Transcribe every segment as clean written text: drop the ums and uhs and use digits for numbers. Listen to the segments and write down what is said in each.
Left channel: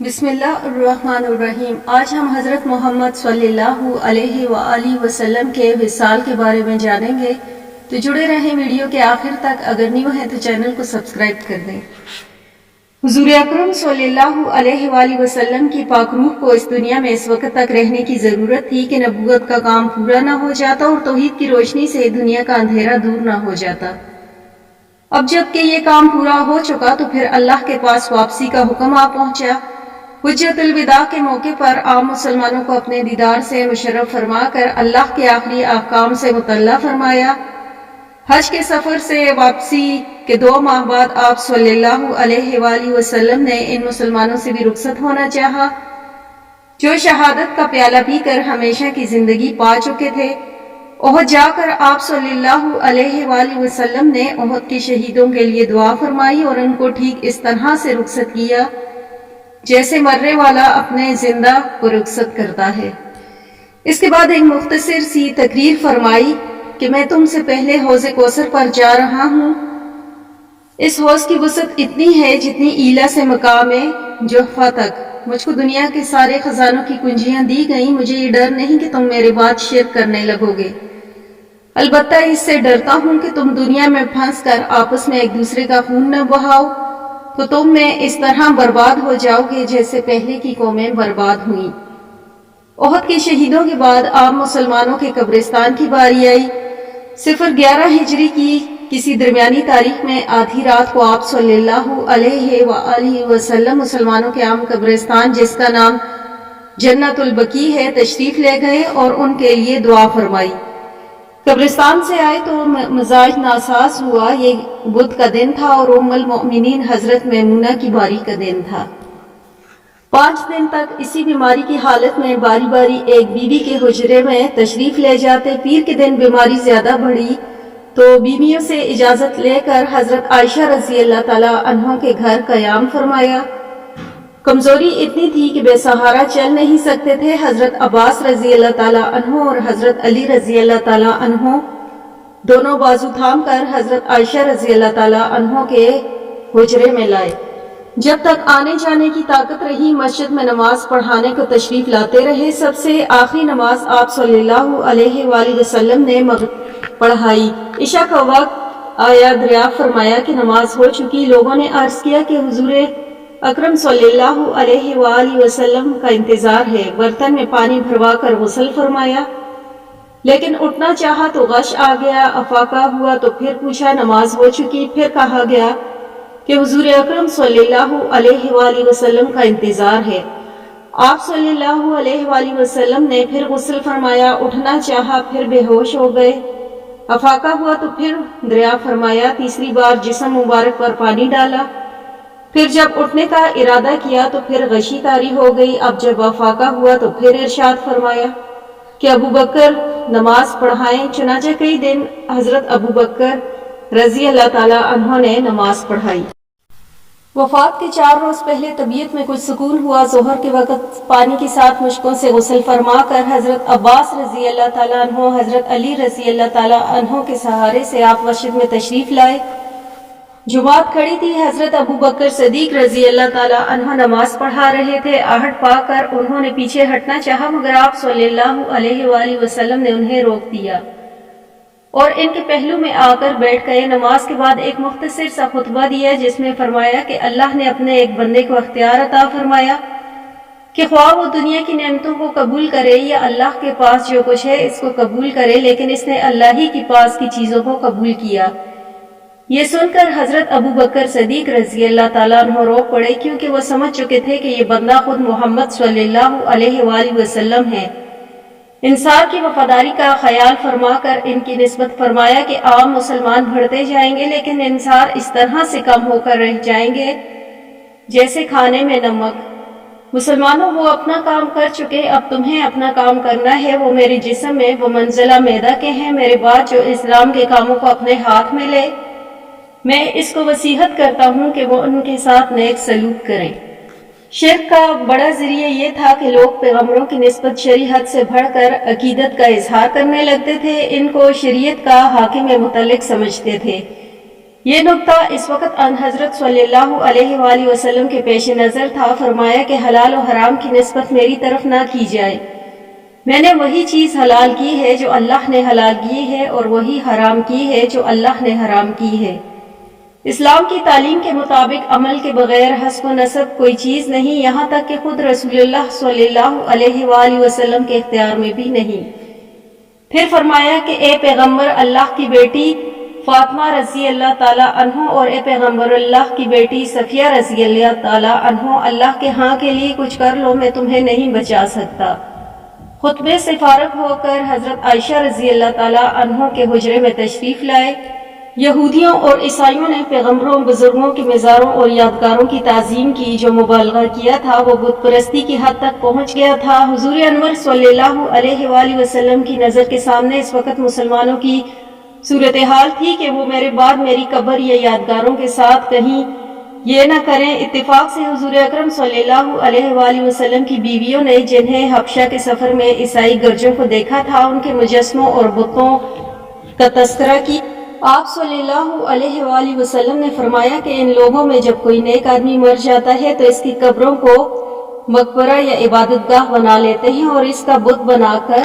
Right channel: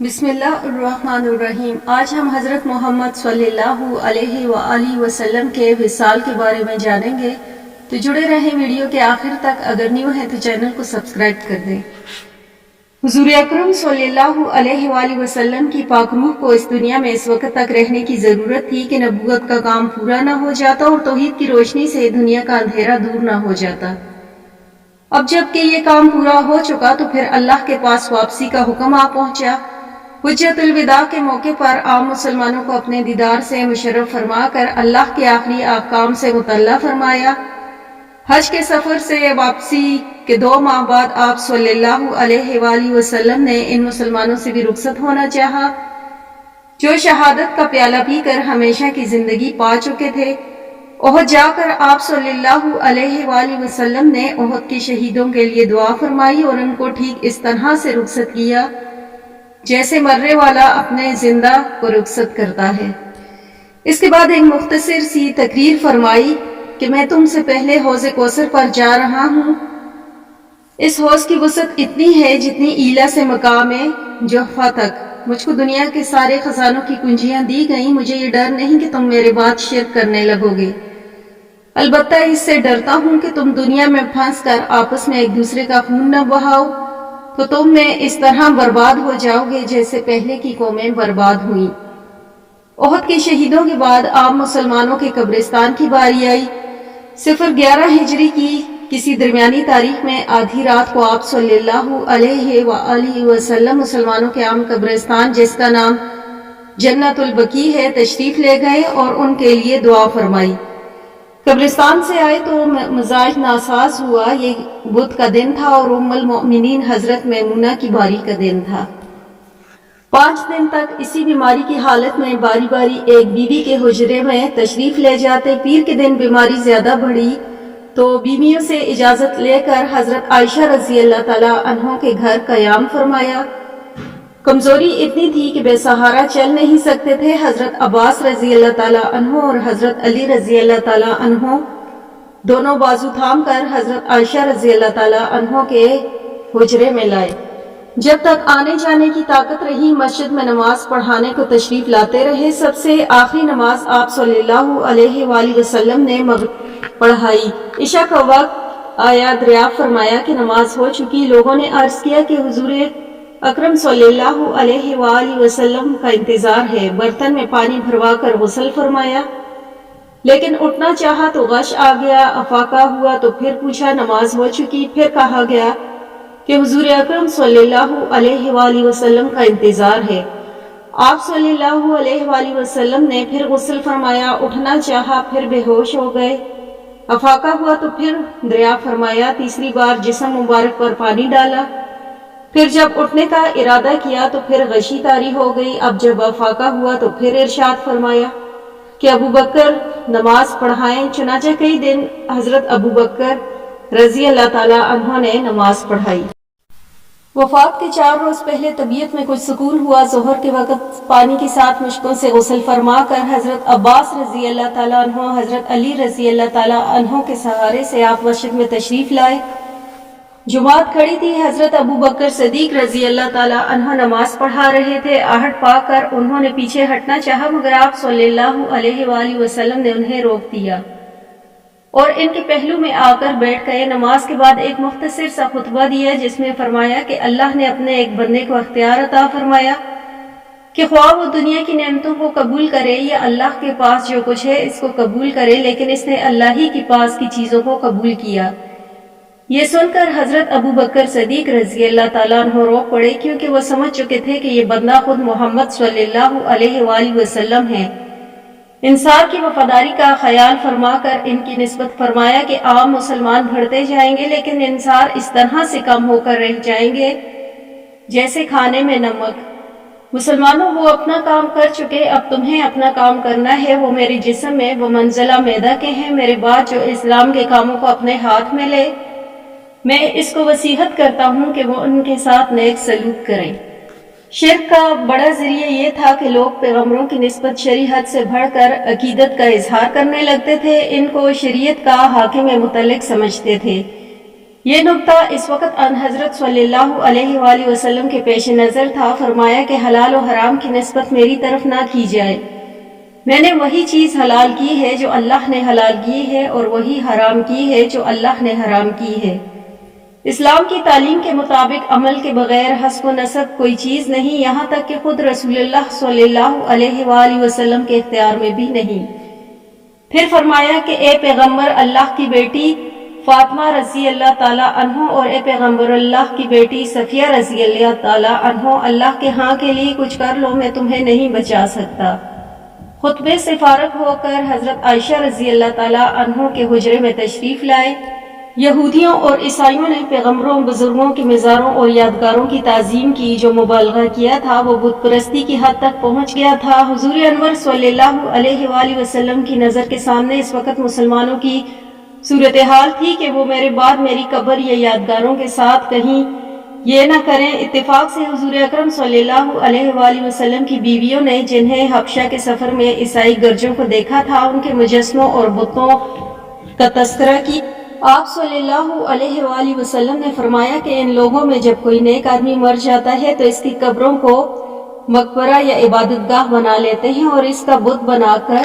بسم اللہ الرحمن الرحیم۔ آج ہم حضرت محمد صلی اللہ علیہ وآلہ وسلم کے وصال کے بارے میں جانیں گے، تو جڑے رہیں ویڈیو کے آخر تک۔ اگر نیو ہیں تو چینل کو سبسکرائب کر دیں۔ حضور اکرم صلی اللہ علیہ وآلہ وسلم کی پاک روح کو اس دنیا میں اس وقت تک رہنے کی ضرورت تھی کہ نبوت کا کام پورا نہ ہو جاتا اور توحید کی روشنی سے دنیا کا اندھیرا دور نہ ہو جاتا۔ اب جب کہ یہ کام پورا ہو چکا تو پھر اللہ کے پاس واپسی کا حکم آ پہنچا۔ حجت الوداع کے موقع پر عام مسلمانوں کو اپنے دیدار سے مشرف فرما کر اللہ کے آخری احکام سے مطلع فرمایا۔ حج کے سفر سے واپسی کے 2 ماہ بعد آپ صلی اللہ علیہ وآلہ وسلم نے ان مسلمانوں سے بھی رخصت ہونا چاہا جو شہادت کا پیالہ پی کر ہمیشہ کی زندگی پا چکے تھے۔ احد جا کر آپ صلی اللہ علیہ وآلہ وسلم نے احد کے شہیدوں کے لیے دعا فرمائی اور ان کو ٹھیک اس طرح سے رخصت کیا جیسے مرنے والا اپنے زندہ کو رخصت کرتا ہے۔ اس کے بعد ایک مختصر سی تقریر فرمائی کہ میں تم سے پہلے حوض کوثر پر جا رہا ہوں۔ اس حوض کی وسعت اتنی ہے جتنی ایلا سے مقام جحفہ تک۔ مجھ کو دنیا کے سارے خزانوں کی کنجیاں دی گئیں۔ مجھے یہ ڈر نہیں کہ تم میرے بعد شرک کرنے لگو گے، البتہ اس سے ڈرتا ہوں کہ تم دنیا میں پھنس کر آپس میں ایک دوسرے کا خون نہ بہاؤ تو تم میں اس طرح برباد ہو جاؤ گے جیسے پہلے کی قومیں برباد ہوئیں۔ احد کے شہیدوں کے بعد عام مسلمانوں کے قبرستان کی باری آئی۔ 011 ہجری کی کسی درمیانی تاریخ میں آدھی رات کو آپ صلی اللہ علیہ وآلہ وسلم مسلمانوں کے عام قبرستان جس کا نام جنت البقیع ہے تشریف لے گئے اور ان کے لیے دعا فرمائی۔ قبرستان سے آئے تو مزاج ناساز ہوا۔ یہ بدھ کا دن تھا اور ام المؤمنین حضرت میمونہ کی باری کا دن تھا۔ 5 دن تک اسی بیماری کی حالت میں باری باری ایک بیوی کے حجرے میں تشریف لے جاتے۔ پیر کے دن بیماری زیادہ بڑھی تو بیویوں سے اجازت لے کر حضرت عائشہ رضی اللہ تعالی عنہ کے گھر قیام فرمایا۔ کمزوری اتنی تھی کہ بے سہارا چل نہیں سکتے تھے۔ حضرت عباس رضی اللہ تعالی عنہ اور حضرت علی رضی اللہ تعالی عنہ دونوں بازو تھام کر حضرت عائشہ رضی اللہ تعالی عنہ کے حجرے میں لائے۔ جب تک آنے جانے کی طاقت رہی مسجد میں نماز پڑھانے کو تشریف لاتے رہے۔ سب سے آخری نماز آپ صلی اللہ علیہ وآلہ وسلم نے مغرب پڑھائی۔ عشاء کا وقت آیا، دریافت فرمایا کہ نماز ہو چکی۔ لوگوں نے عرض کیا کہ حضور اکرم صلی اللہ علیہ وآلہ وسلم کا انتظار ہے۔ برتن میں پانی بھروا کر غسل فرمایا، لیکن اٹھنا چاہا تو غش آ گیا۔ افاقہ ہوا تو پھر پوچھا نماز ہو چکی۔ پھر کہا گیا کہ حضور اکرم صلی اللہ علیہ وآلہ وسلم کا انتظار ہے۔ آپ صلی اللہ علیہ وآلہ وسلم نے پھر غسل فرمایا، اٹھنا چاہا، پھر بے ہوش ہو گئے۔ افاقہ ہوا تو پھر دریافت فرمایا، تیسری بار جسم مبارک پر پانی ڈالا۔ پھر جب اٹھنے کا ارادہ کیا تو پھر غشی طاری ہو گئی۔ اب جب افاقہ ہوا تو پھر ارشاد فرمایا کہ ابو بکر نماز پڑھائیں۔ چنانچہ کئی دن حضرت ابو بکر رضی اللہ تعالی عنہ نے نماز پڑھائی۔ وفات کے 4 روز پہلے طبیعت میں کچھ سکون ہوا۔ ظہر کے وقت پانی کے ساتھ مشکوں سے غسل فرما کر حضرت عباس رضی اللہ تعالی عنہ حضرت علی رضی اللہ تعالی عنہ کے سہارے سے آپ مسجد میں تشریف لائے۔ جماعت کھڑی تھی۔ حضرت ابو بکر صدیق رضی اللہ تعالی عنہ نماز پڑھا رہے تھے۔ آہٹ پا کر انہوں نے پیچھے ہٹنا چاہا مگر آپ صلی اللہ علیہ وآلہ وسلم نے انہیں روک دیا اور ان کے پہلو میں آ کر بیٹھ گئے۔ نماز کے بعد ایک مختصر سا خطبہ دیا جس میں فرمایا کہ اللہ نے اپنے ایک بندے کو اختیار عطا فرمایا کہ خواہ وہ دنیا کی نعمتوں کو قبول کرے یا اللہ کے پاس جو کچھ ہے اس کو قبول کرے، لیکن اس نے اللہ ہی کے پاس کی چیزوں کو قبول کیا۔ یہ سن کر حضرت ابو بکر صدیق رضی اللہ تعالیٰ عنہ رو پڑے کیونکہ وہ سمجھ چکے تھے کہ یہ بندہ خود محمد صلی اللہ علیہ وآلہ وسلم ہے۔ انصار کی وفاداری کا خیال فرما کر ان کی نسبت فرمایا کہ عام مسلمان بڑھتے جائیں گے لیکن انصار اس طرح سے کم ہو کر رہ جائیں گے جیسے کھانے میں نمک۔ مسلمانوں وہ اپنا کام کر چکے، اب تمہیں اپنا کام کرنا ہے۔ وہ میرے جسم میں وہ منزلہ میدہ کے ہیں۔ میرے بعد جو اسلام کے کاموں کو اپنے ہاتھ میں لے میں اس کو وصیحت کرتا ہوں کہ وہ ان کے ساتھ نیک سلوک کریں۔ شرک کا بڑا ذریعہ یہ تھا کہ لوگ پیغمبروں کی نسبت شریعت سے بڑھ کر عقیدت کا اظہار کرنے لگتے تھے، ان کو شریعت کا حاکم متعلق سمجھتے تھے۔ یہ نقطہ اس وقت ان حضرت صلی اللہ علیہ وآلہ وسلم کے پیش نظر تھا۔ فرمایا کہ حلال و حرام کی نسبت میری طرف نہ کی جائے، میں نے وہی چیز حلال کی ہے جو اللہ نے حلال کی ہے، اور وہی حرام کی ہے جو اللہ نے حرام کی ہے۔ اسلام کی تعلیم کے مطابق عمل کے بغیر حسب و نسب کوئی چیز نہیں، یہاں تک کہ خود رسول اللہ صلی اللہ علیہ وآلہ وسلم کے اختیار میں بھی نہیں۔ پھر فرمایا کہ اے پیغمبر اللہ کی بیٹی فاطمہ رضی اللہ تعالیٰ عنہ اور اے پیغمبر اللہ کی بیٹی صفیہ رضی اللہ تعالیٰ عنہ، اللہ کے ہاں کے لیے کچھ کر لو، میں تمہیں نہیں بچا سکتا۔ خطبے سے فارغ ہو کر حضرت عائشہ رضی اللہ تعالیٰ عنہ کے حجرے میں تشریف لائے۔ یہودیوں اور عیسائیوں نے پیغمبروں، بزرگوں کے مزاروں اور یادگاروں کی تعظیم کی۔ جو مبالغہ کیا تھا وہ بت پرستی کی حد تک پہنچ گیا تھا۔ حضور انور صلی اللہ علیہ وآلہ وسلم کی نظر کے سامنے اس وقت مسلمانوں کی صورتحال تھی کہ وہ میرے بعد میری قبر یا یادگاروں کے ساتھ کہیں یہ نہ کریں۔ اتفاق سے حضور اکرم صلی اللہ علیہ وآلہ وسلم کی بیویوں نے جنہیں حبشہ کے سفر میں عیسائی گرجوں کو دیکھا تھا، ان کے مجسموں اور بتوں کا تذکرہ کی۔ آپ صلی اللہ علیہ وآلہ وسلم نے فرمایا کہ ان لوگوں میں جب کوئی نیک آدمی مر جاتا ہے تو اس کی قبروں کو مقبرہ یا عبادت گاہ بنا لیتے ہیں اور اس کا بت بنا کر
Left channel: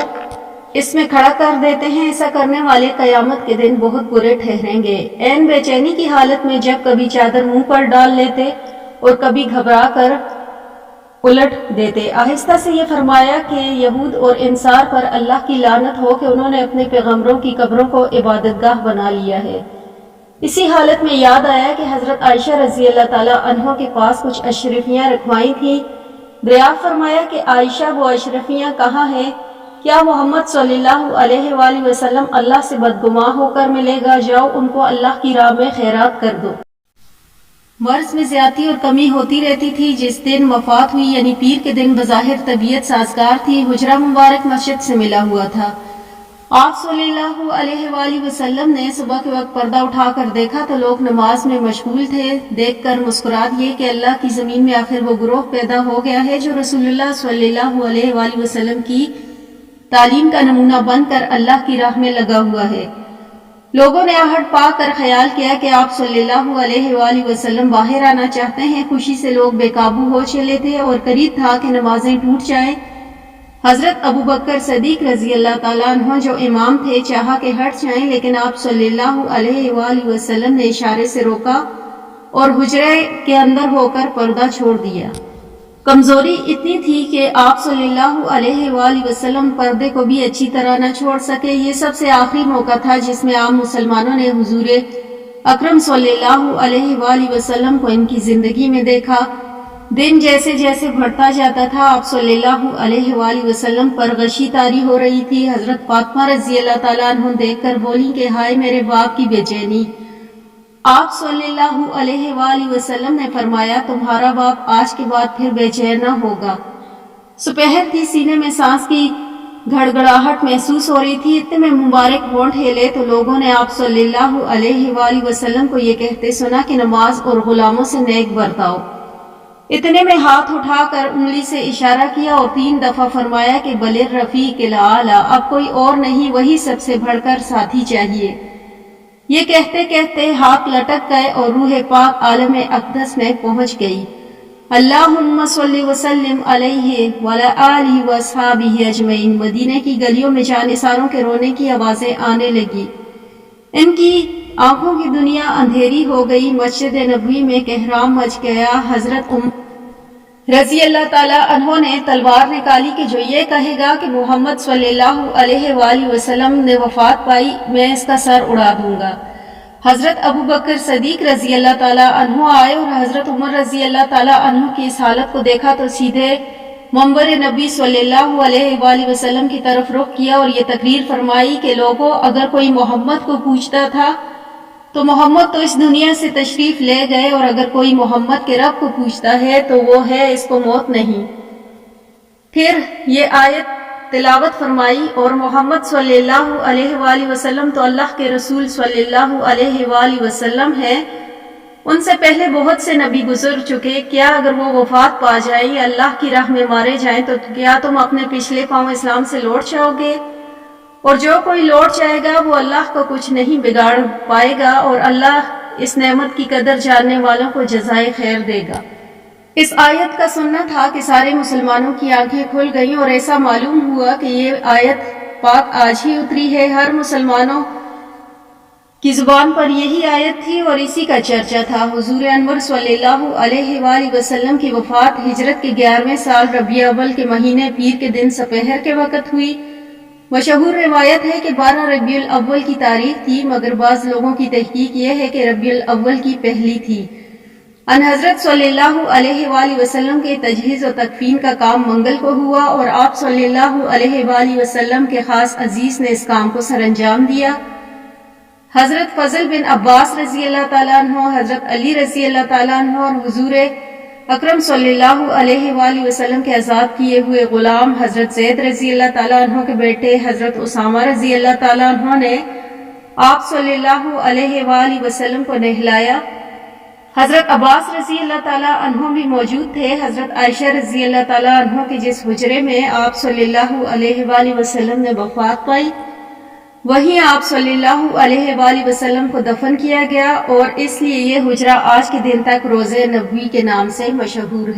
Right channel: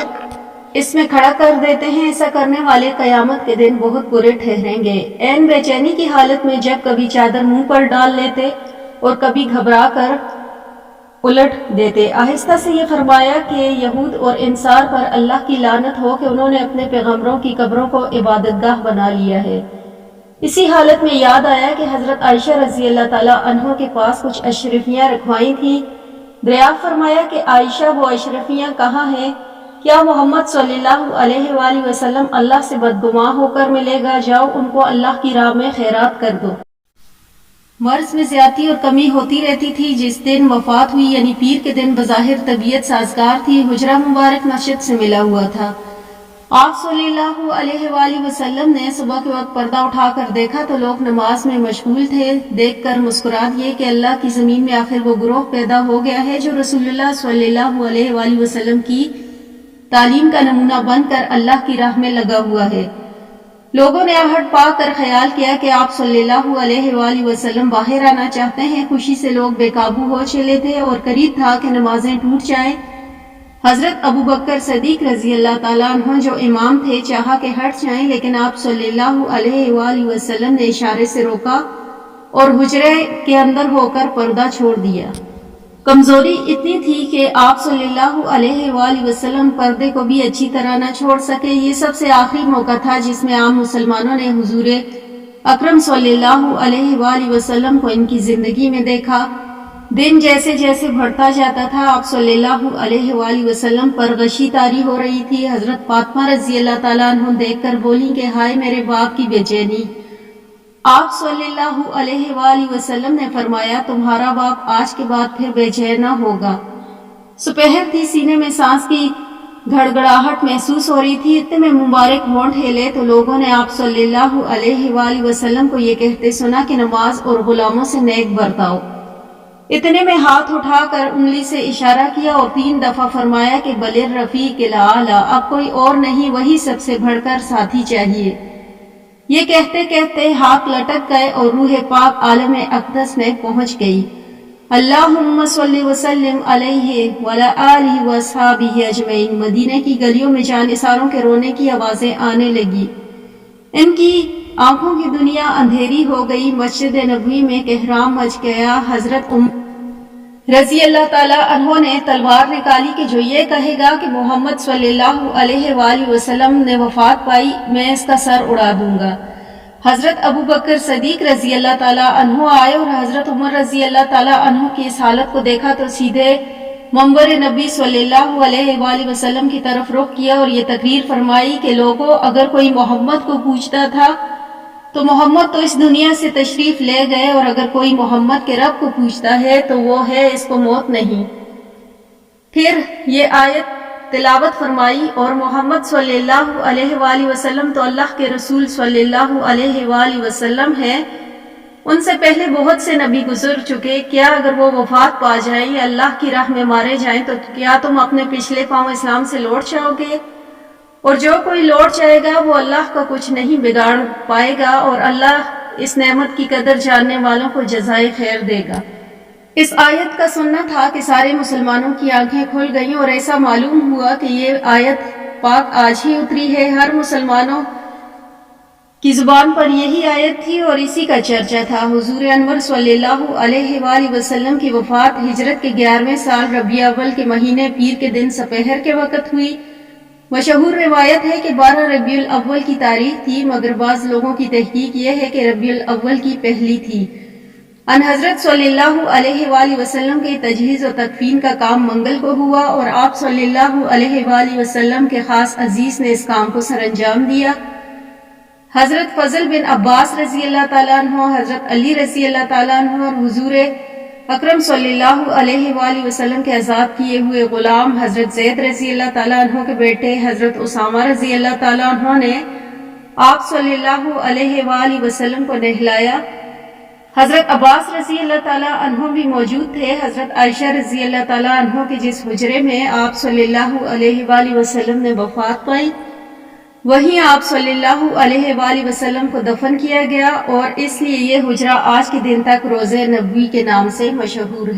اس میں کھڑا کر دیتے ہیں۔ ایسا کرنے والے قیامت کے دن بہت برے ٹھہریں گے۔ عین بے چینی کی حالت میں جب کبھی چادر منہ پر ڈال لیتے اور کبھی گھبرا کر الٹ دیتے۔ آہستہ سے یہ فرمایا کہ یہود اور انصار پر اللہ کی لعنت ہو کہ انہوں نے اپنے پیغمبروں کی قبروں کو عبادت گاہ بنا لیا ہے۔ اسی حالت میں یاد آیا کہ حضرت عائشہ رضی اللہ تعالیٰ عنہ کے پاس کچھ اشرفیاں رکھوائی تھیں۔ دریافت فرمایا کہ عائشہ وہ اشرفیاں کہاں ہیں؟ کیا محمد صلی اللہ علیہ وآلہ وسلم اللہ سے بدگماں ہو کر ملے گا؟ جاؤ ان کو اللہ کی راہ میں خیرات کر دو۔ مرض میں زیادتی اور کمی ہوتی رہتی تھی۔ جس دن وفات ہوئی یعنی پیر کے دن بظاہر طبیعت سازگار تھی۔ حجرہ مبارک مسجد سے ملا ہوا تھا۔ آپ صلی اللہ علیہ وآلہ وسلم نے صبح کے وقت پردہ اٹھا کر دیکھا تو لوگ نماز میں مشغول تھے۔ دیکھ کر مسکرا دیے کہ اللہ کی زمین میں آخر وہ گروہ پیدا ہو گیا ہے جو رسول اللہ صلی اللہ علیہ وآلہ وسلم کی تعلیم کا نمونہ بن کر اللہ کی راہ میں لگا ہوا ہے۔ لوگوں نے آہٹ پا کر خیال کیا کہ آپ صلی اللہ علیہ وآلہ وسلم باہر آنا چاہتے ہیں۔ خوشی سے لوگ بے قابو ہو چلے تھے اور قریب تھا کہ نمازیں ٹوٹ جائیں۔ حضرت ابو بکر صدیق رضی اللہ تعالیٰ عنہ جو امام تھے چاہا کہ ہٹ جائیں، لیکن آپ صلی اللہ علیہ وآلہ وسلم نے اشارے سے روکا اور حجرے کے اندر ہو کر پردہ چھوڑ دیا۔ کمزوری اتنی تھی کہ آپ صلی اللہ علیہ وآلہ وسلم پردے کو بھی اچھی طرح نہ چھوڑ سکے۔ یہ سب سے آخری موقع تھا جس میں عام مسلمانوں نے حضور اکرم صلی اللہ علیہ وآلہ وسلم کو ان کی زندگی میں دیکھا۔ دن جیسے جیسے بڑھتا جاتا تھا آپ صلی اللہ علیہ وآلہ وسلم پر غشی طاری ہو رہی تھی۔ حضرت فاطمہ رضی اللہ تعالیٰ عنہ دیکھ کر بولی کہ ہائے میرے باپ کی بے چینی۔ آپ صلی اللہ علیہ وآلہ وسلم نے فرمایا تمہارا باپ آج کے بعد پھر بے چین نہ ہوگا۔ سپہر تھی، سینے میں سانس کی گھڑگھڑاہٹ محسوس ہو رہی تھی۔ اتنے میں مبارک ہونٹ ہلے تو لوگوں نے آپ صلی اللہ علیہ وآلہ وسلم کو یہ کہتے سنا کہ نماز اور غلاموں سے نیک برتاؤ۔ اتنے میں ہاتھ اٹھا کر انگلی سے اشارہ کیا اور 3 دفعہ فرمایا کہ بل الرفیق الاعلی، اب کوئی اور نہیں، وہی سب سے بڑھ کر ساتھی چاہیے۔ یہ کہتے کہتے ہاتھ لٹک گئے اور روح پاک عالم اقدس میں پہنچ گئی۔ اللہم صلی وسلم علیہ وعلی آلہ واصحابہ اجمعین۔ مدینے کی گلیوں میں جانثاروں کے رونے کی آوازیں آنے لگی۔ ان کی آنکھوں کی دنیا اندھیری ہو گئی۔ مسجد نبوی میں کہرام مچ گیا۔ حضرت رضی اللہ تعالیٰ عنہ نے تلوار نکالی کہ جو یہ کہے گا کہ محمد صلی اللہ علیہ وآلہ وسلم نے وفات پائی میں اس کا سر اڑا دوں گا۔ حضرت ابو بکر صدیق رضی اللہ تعالیٰ عنہ آئے اور حضرت عمر رضی اللہ تعالیٰ عنہ کی اس حالت کو دیکھا تو سیدھے منبر نبی صلی اللہ علیہ وآلہ وسلم کی طرف رخ کیا اور یہ تقریر فرمائی کہ لوگوں، اگر کوئی محمد کو پوچھتا تھا تو محمد تو اس دنیا سے تشریف لے گئے، اور اگر کوئی محمد کے رب کو پوچھتا ہے تو وہ ہے، اس کو موت نہیں۔ پھر یہ آیت تلاوت فرمائی اور محمد صلی اللہ علیہ وآلہ وسلم تو اللہ کے رسول صلی اللہ علیہ وآلہ وسلم ہیں، ان سے پہلے بہت سے نبی گزر چکے، کیا اگر وہ وفات پا جائیں یا اللہ کی راہ میں مارے جائیں تو کیا تم اپنے پچھلے پاؤں اسلام سے لوٹ جاؤ گے؟ اور جو کوئی لوٹ جائے گا وہ اللہ کا کچھ نہیں بگاڑ پائے گا، اور اللہ اس نعمت کی قدر جاننے والوں کو جزائے خیر دے گا۔ اس آیت کا سننا تھا کہ سارے مسلمانوں کی آنکھیں کھل گئیں اور ایسا معلوم ہوا کہ یہ آیت پاک آج ہی اتری ہے۔ ہر مسلمانوں کی زبان پر یہی آیت تھی اور اسی کا چرچا تھا۔ حضور انور صلی اللہ علیہ وآلہ وسلم کی وفات ہجرت کے 11ویں سال ربیع اول کے مہینے پیر کے دن سپہر کے وقت ہوئی۔ مشہور روایت ہے کہ 12 ربیع الاول کی تاریخ تھی، مگر بعض لوگوں کی تحقیق یہ ہے کہ ربیع الاول کی پہلی تھی۔ ان حضرت صلی اللہ علیہ وآلہ وسلم کے تجہیز و تکفین کا کام منگل کو ہوا اور آپ صلی اللہ علیہ وآلہ وسلم کے خاص عزیز نے اس کام کو سر انجام دیا۔ حضرت فضل بن عباس رضی اللہ تعالیٰ عنہ، حضرت علی رضی اللہ تعالیٰ عنہ اور حضور اکرم صلی اللہ علیہ وآلہ وسلم کے آزاد کیے ہوئے غلام حضرت زید رضی اللہ تعالیٰ عنہ کے بیٹے حضرت اسامہ رضی اللہ تعالیٰ عنہ نے آپ صلی اللہ علیہ وآلہ وسلم کو نہلایا۔ حضرت عباس رضی اللہ تعالیٰ عنہ بھی موجود تھے۔ حضرت عائشہ رضی اللہ تعالیٰ عنہ کے جس حجرے میں آپ صلی اللہ علیہ وآلہ وسلم نے وفات پائی، وہیں آپ صلی اللہ علیہ وآلہ وسلم کو دفن کیا گیا اور اس لیے یہ حجرہ آج کے دن تک روضہ نبوی کے نام سے مشہور ہے۔